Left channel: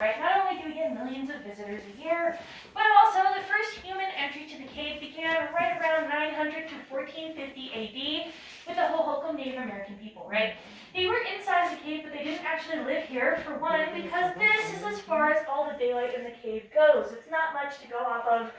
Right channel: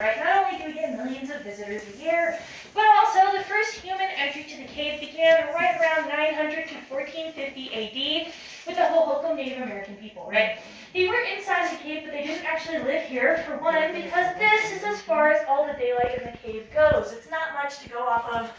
Right? Not only do we get millions of visitors a year, but also the first human entry to the cave began right around 900 to 1450 AD with the Hohokam Native American people, right? They were inside the cave, but they didn't actually live here, for one, because this is as far as all the daylight in the cave goes. It's not much to go off of.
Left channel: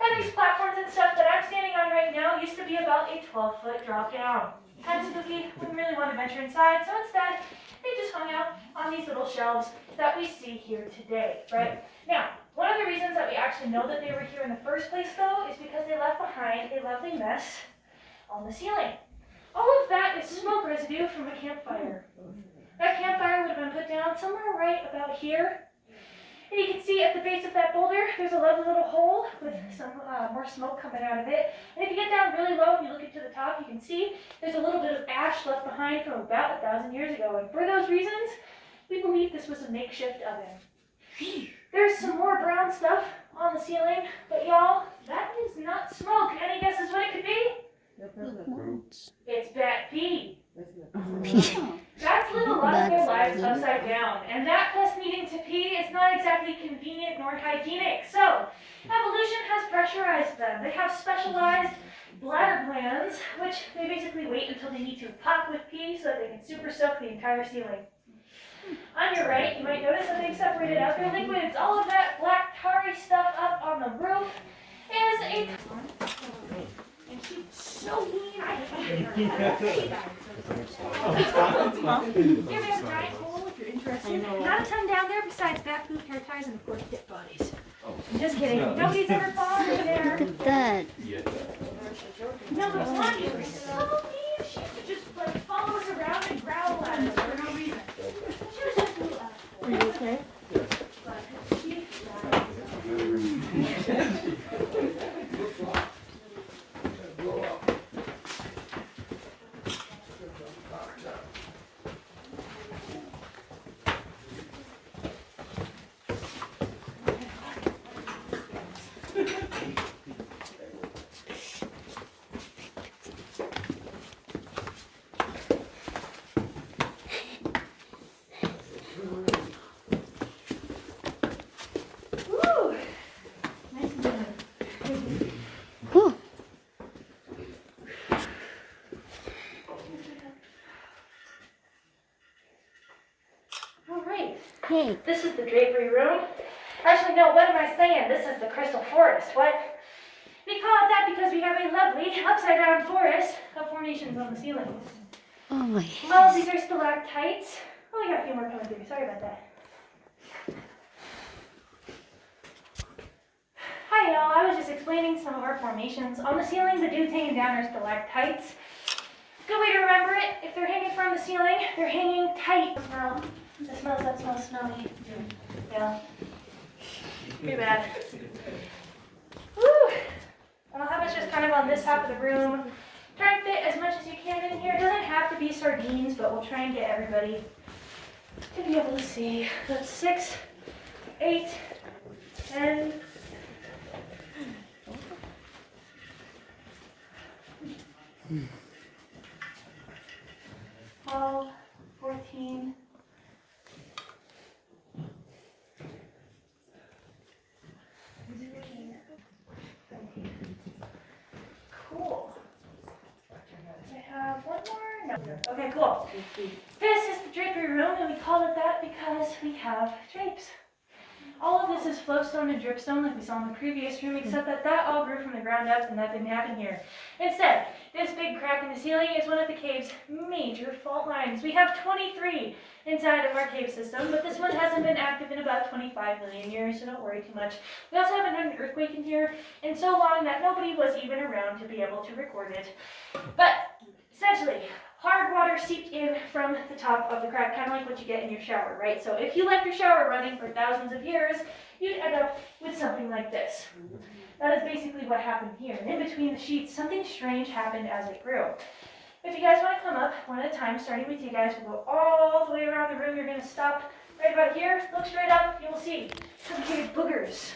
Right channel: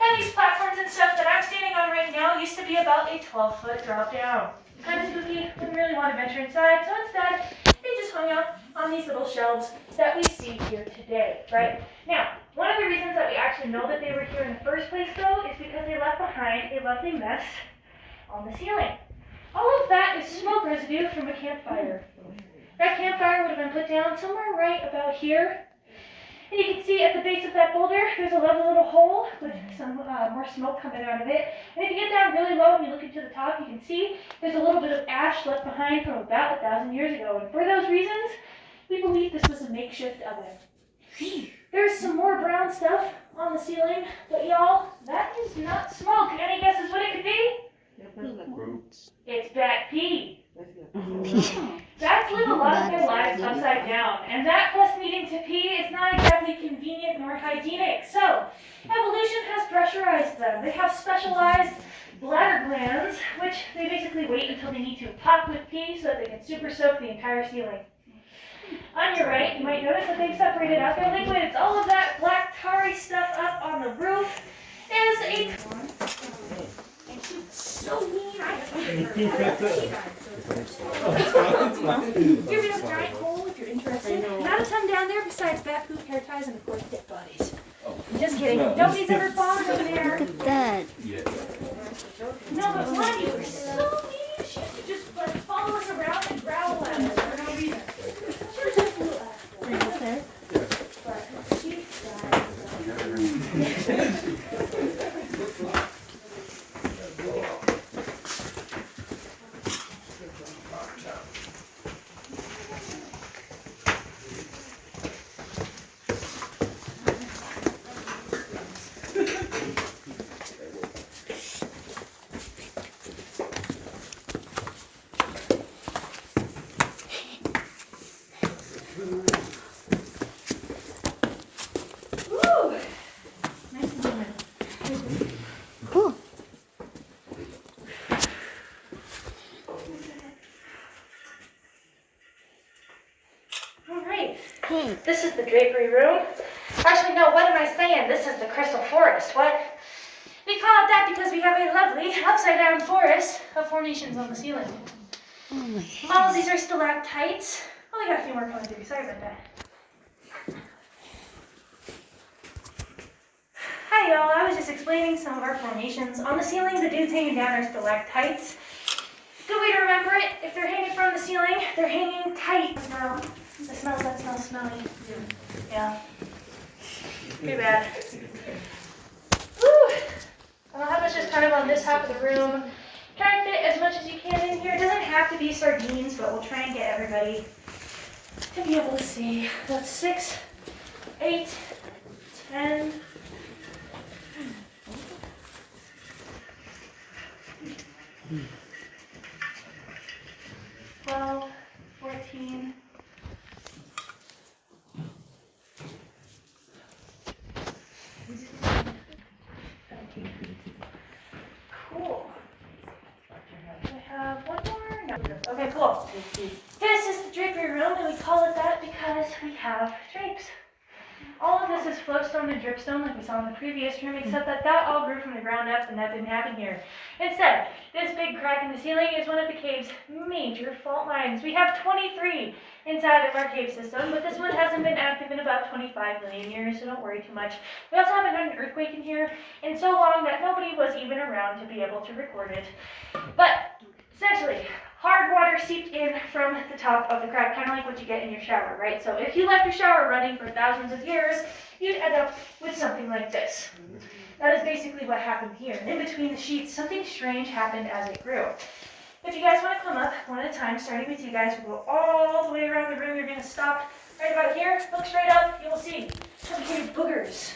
And these platforms and stuff that I'm standing on right now used to be about a 12-foot drop down. Kind of spooky, wouldn't really want to venture inside, so instead, they just hung out on these little shelves that we see here today, right? Now, one of the reasons that we actually know that they were here in the first place, though, is because they left behind a lovely mess on the ceiling. All of that is smoke residue from a campfire. That campfire would have been put down somewhere right about here. And you can see at the base of that boulder, there's a lovely little hole with some more smoke coming out of it. And if you get down really low and you look into the top, you can see there's a little bit of ash left behind from about 1,000 years ago. And for those reasons, we believe this was a makeshift oven. There's some more brown stuff on the ceiling, but y'all, that is not smoke. Any guesses what it could be? It's bat pee. Bats live a lot of their lives upside down, and that plus needing to pee is not exactly convenient nor hygienic. So, evolution has pressurized them. They have specialized bladder glands, which they basically wait until they need to pop with pee so that they can super soak the entire ceiling. On your right, you might notice that they've separated out their liquids. All of that black tarry stuff up on the roof is a... And she's so mean. I hate her. Here we have a giant hole if you're interested. Not a ton down there besides bat poop, hair ties, and of course pit bodies. Just kidding. Nobody's ever fallen over there. Look at that. No, but Lonnie was so mean. She would just follow us around and growl at us for no reason. She was just a little asshole. Are you okay? But she Hey. This is the drapery room. Actually, no, what am I saying? This is the crystal forest. What? We call it that because we have a lovely upside-down forest of formations on the ceiling. Oh my All of these are stalactites. Oh, we got a few more coming through. Sorry about that. Hi, y'all. I was just explaining some of our formations. On the ceiling, the dudes hanging down are stalactites. Good way to remember it. If they're hanging from the ceiling, they're hanging tight. That smells smelly. Yeah. Too bad. Woo! I'll have us just kind of on this half of the room. Try and fit as much as you can in here. It doesn't have to be sardines, but we'll try and get everybody to be able to see. That's 6, 8, 10. 12, 14. Cool. I have one more. No. Okay, cool. This is the drapery room, and we call it that because we have drapes. All of this is flowstone and dripstone like we saw in the previous room, except that all grew from the ground up and that didn't happen here. Instead, this big crack in the ceiling is one of the cave's major fault lines. We have 23 inside of our cave system, but this one hasn't been active in about 25 million years, so don't worry too much. We also haven't had an earthquake in here in so long that nobody was even around to be able to record it. But essentially, hard water seeped in from the top of the crack, kind of like what you get in your shower, right? So if you left your shower running for thousands of years, you'd end up with something like this. That is basically what happened here. And in between the sheets, something strange happened as it grew. If you guys want to come up one at a time, starting with you guys, we'll go all the way around the room. You're going to stop right about here, look straight up, you will see complicated boogers.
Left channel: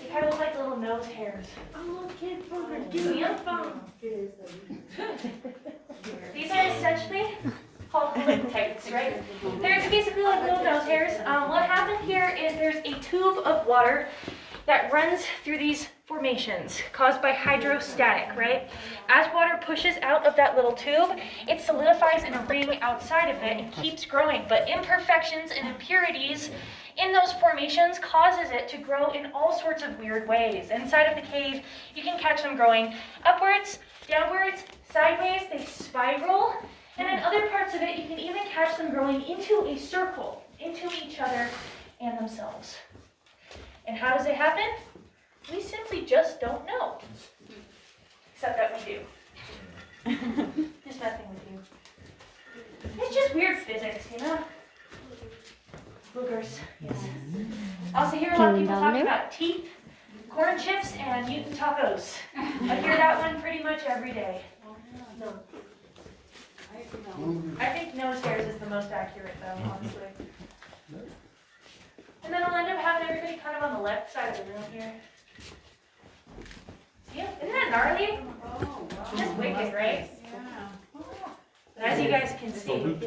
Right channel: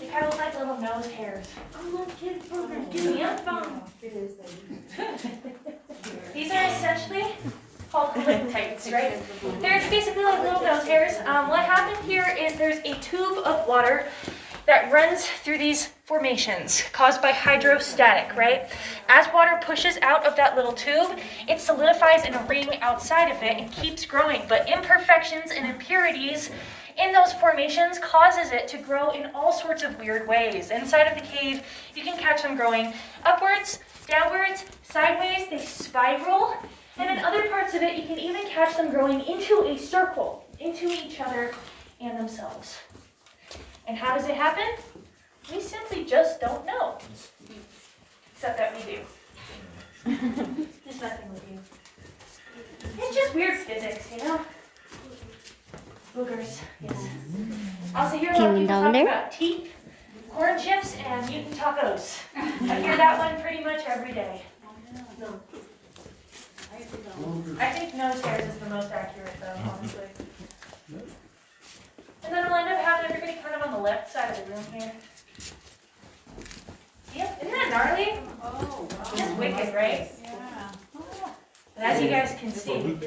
They kind of look like little nose hairs. Oh, look, kids' boogers. Give me a phone. These are essentially called stalactites, right? There's basically like little nose hairs. What happened here is there's a tube of water that runs through these formations caused by hydrostatic, right? As water pushes out of that little tube, it solidifies in a ring outside of it and keeps growing. But imperfections and impurities in those formations causes it to grow in all sorts of weird ways. Inside of the cave, you can catch them growing upwards, downwards, sideways, they spiral. And in other parts of it, you can even catch them growing into a circle, into each other and themselves. And how does it happen? We simply just don't know. Except that we do. There's nothing we do. It's just weird physics, you know? Boogers, yes. Also hear a lot of people talking about teeth, corn chips, and mutant tacos. I hear that one pretty much every day. I think nose hairs is the most accurate though, honestly. And then we'll end up having everybody kind of on the left side of the room here. Yeah, isn't that gnarly? Oh, wow. Just wicked, right? Yeah. But as you guys can see,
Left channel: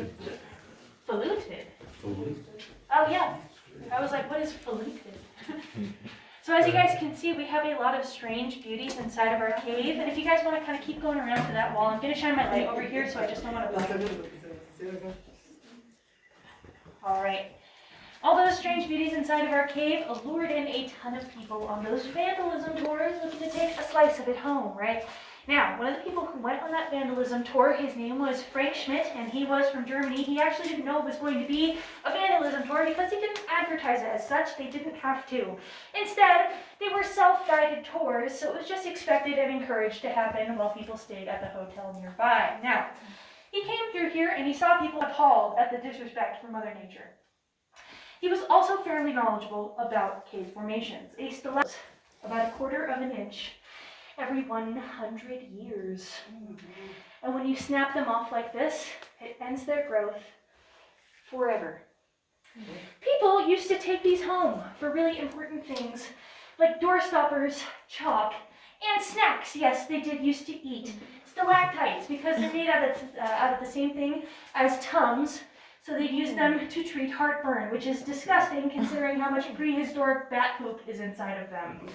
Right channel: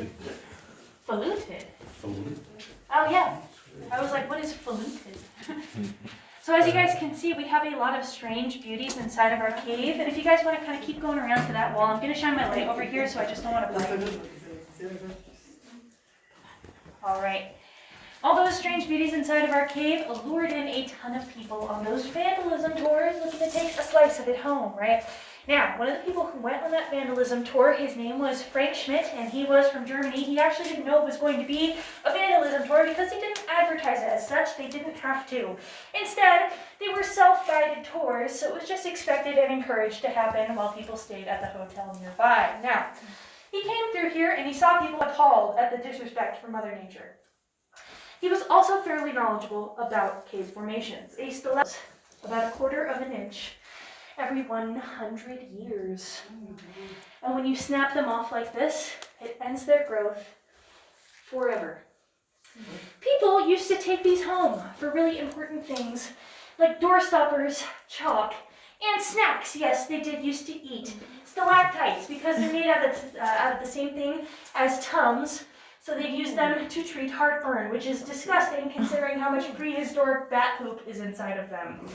faluted. Oh yeah, I was like, what is faluted? So as you guys can see, we have a lot of strange beauties inside of our cave. And if you guys want to kind of keep going around to that wall, I'm going to shine my light over here, so I just don't want to blind you. All right. All those strange beauties inside of our cave lured in a ton of people on those vandalism tours looking to take a slice of it home, right? Now, one of the people who went on that vandalism tour, his name was Frank Schmidt, and he was from Germany. He actually didn't know it was going to be a vandalism tour because they didn't advertise it as such. They didn't have to. Instead, they were self-guided tours, so it was just expected and encouraged to happen while people stayed at the hotel nearby. Now, he came through here and he saw people appalled at the disrespect for Mother Nature. He was also fairly knowledgeable about cave formations. A stalactite, about 1/4 of an inch every 100 years. And when you snap them off like this, it ends their growth forever. People used to take these home for really important things like door stoppers, chalk, and snacks. Yes, they did used to eat stalactites because they're made out of the same thing as Tums. So they'd use them to treat heartburn, which is disgusting considering how much prehistoric bat poop is inside of them.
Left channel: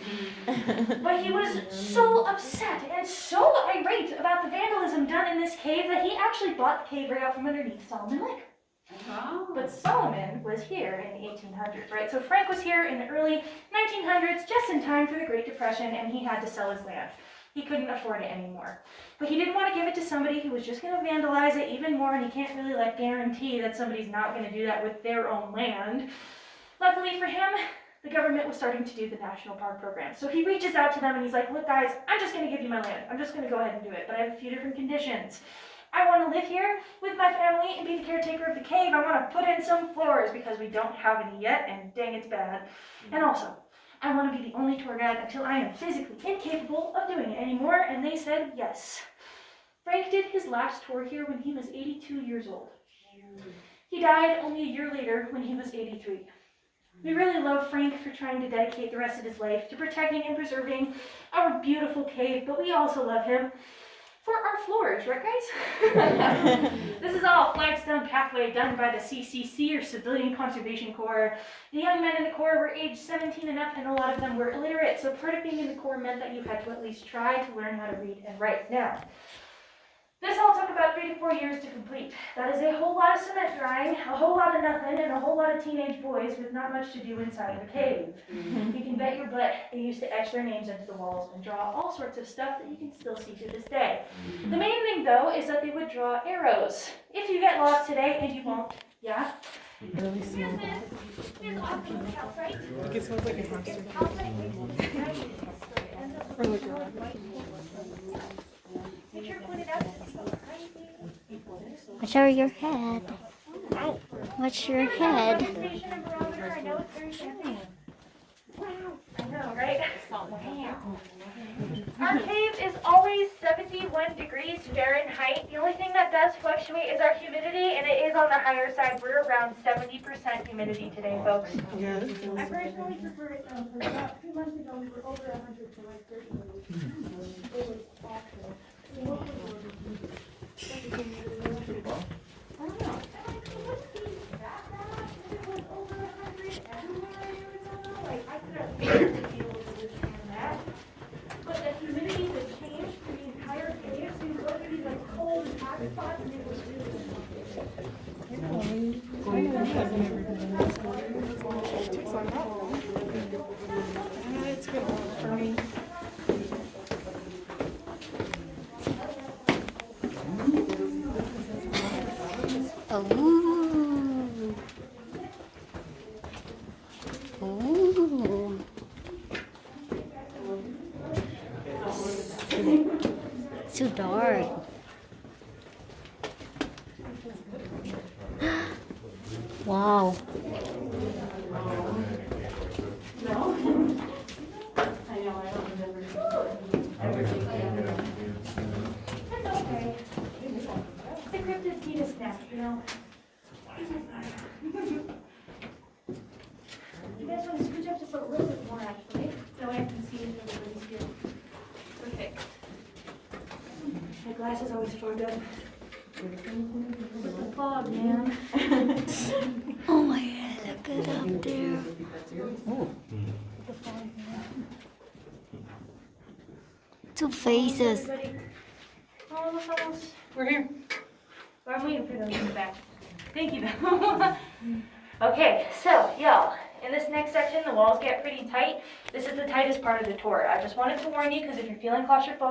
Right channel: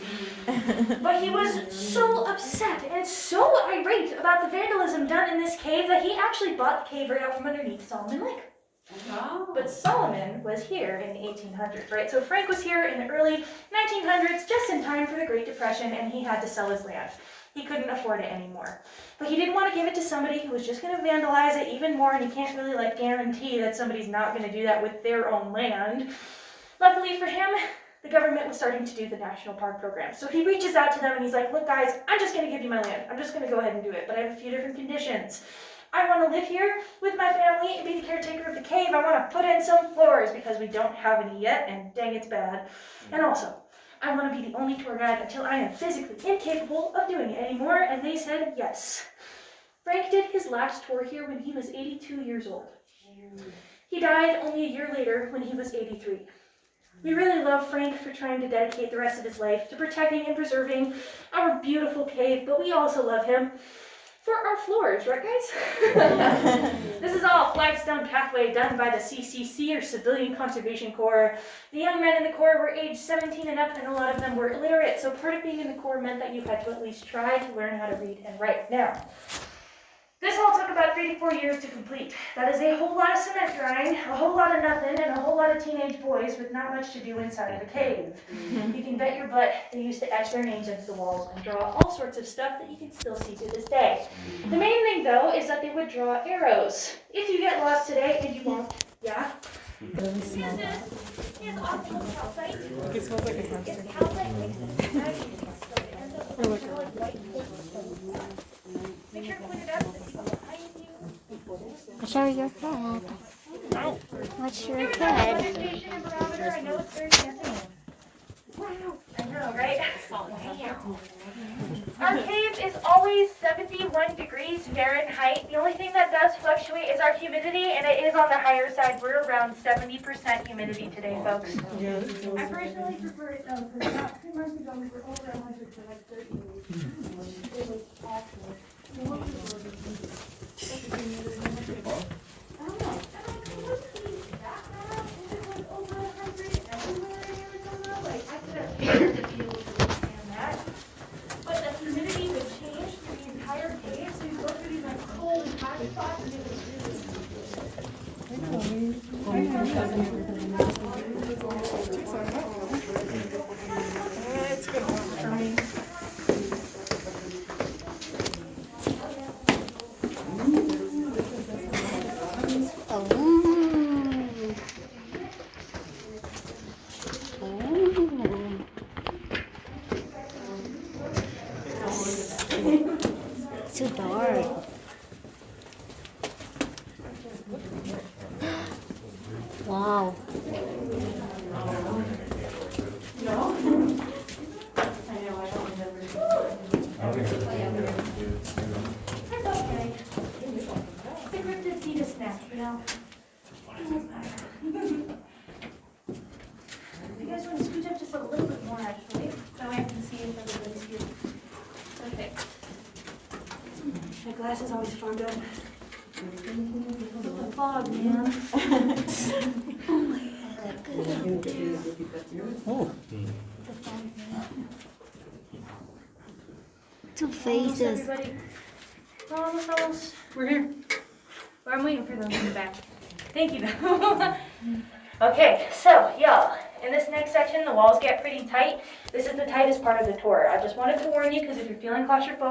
But he was so upset and so irate about the vandalism done in this cave that he actually bought the cave right out from underneath Solomon Lake. Oh. But Solomon was here in the 1800s, right? So Frank was here in the early 1900s, just in time for the Great Depression, and he had to sell his land. He couldn't afford it anymore. But he didn't want to give it to somebody who was just going to vandalize it even more, and you can't really guarantee that somebody's not going to do that with their own land. Luckily for him, the government was starting to do the National Park Program. So he reaches out to them and he's like, look guys, I'm just going to give you my land. I'm just going to go ahead and do it, but I have a few different conditions. I want to live here with my family and be the caretaker of the cave. I want to put in some floors because we don't have any yet, and dang, it's bad. And also, I want to be the only tour guide until I am physically incapable of doing it anymore, and they said yes. Frank did his last tour here when he was 82 years old. He died only a year later when he was 83. We really love Frank for trying to dedicate the rest of his life to protecting and preserving our beautiful cave, but we also love him for our floors, right guys? This is all a flagstone pathway done by the CCC, or Civilian Conservation Corps. The young men in the Corps were aged 17 and up, and a lot of them were illiterate, so part of being in the Corps meant that you had to at least try to learn how to read and write. Now, this all took about 3 to 4 years to complete. That is a whole lot of cement drying, a whole lot of nothing, and a whole lot of teenage boys with not much to do inside of a cave. You can bet your butt they used to etch their names into the walls and draw all sorts of stuff that you can still see to this day. The main thing, though, is that they would draw arrows. If you get lost today, and you won't, yeah? Really smell that. Here's optical calcite. It smells like a hamster. Calcite. Or like a... Make sure to point it out to the people behind you. What's over your head? What's your head? Station and barometer. I know it's very tempting. Wow. I know, right? Wow. Our cave is always 71 degrees Fahrenheit. The only thing that does fluctuate is our humidity, and it is on the higher side. We're around 70% humidity today, folks. I personally prefer it though, because about 2 months ago we were over 100 for like 30 days. It was awful. I don't know, Alright. Wow. It's okay. It's a cryptid fetus snack, you know? You guys want to scooch up just a little bit more, actually, so I can see if everybody's here. Okay. My glasses always fogged up. The fog, man. Oh my god, look at up there. Oh. Two faces. Everybody. Almost. We're here. Well, I'm waiting for them to come back. Thank you. Okay, so y'all, in this next section, the walls get pretty tight. This is the tightest part of the tour. I just wanted to warn you because if you're feeling claustrophobic,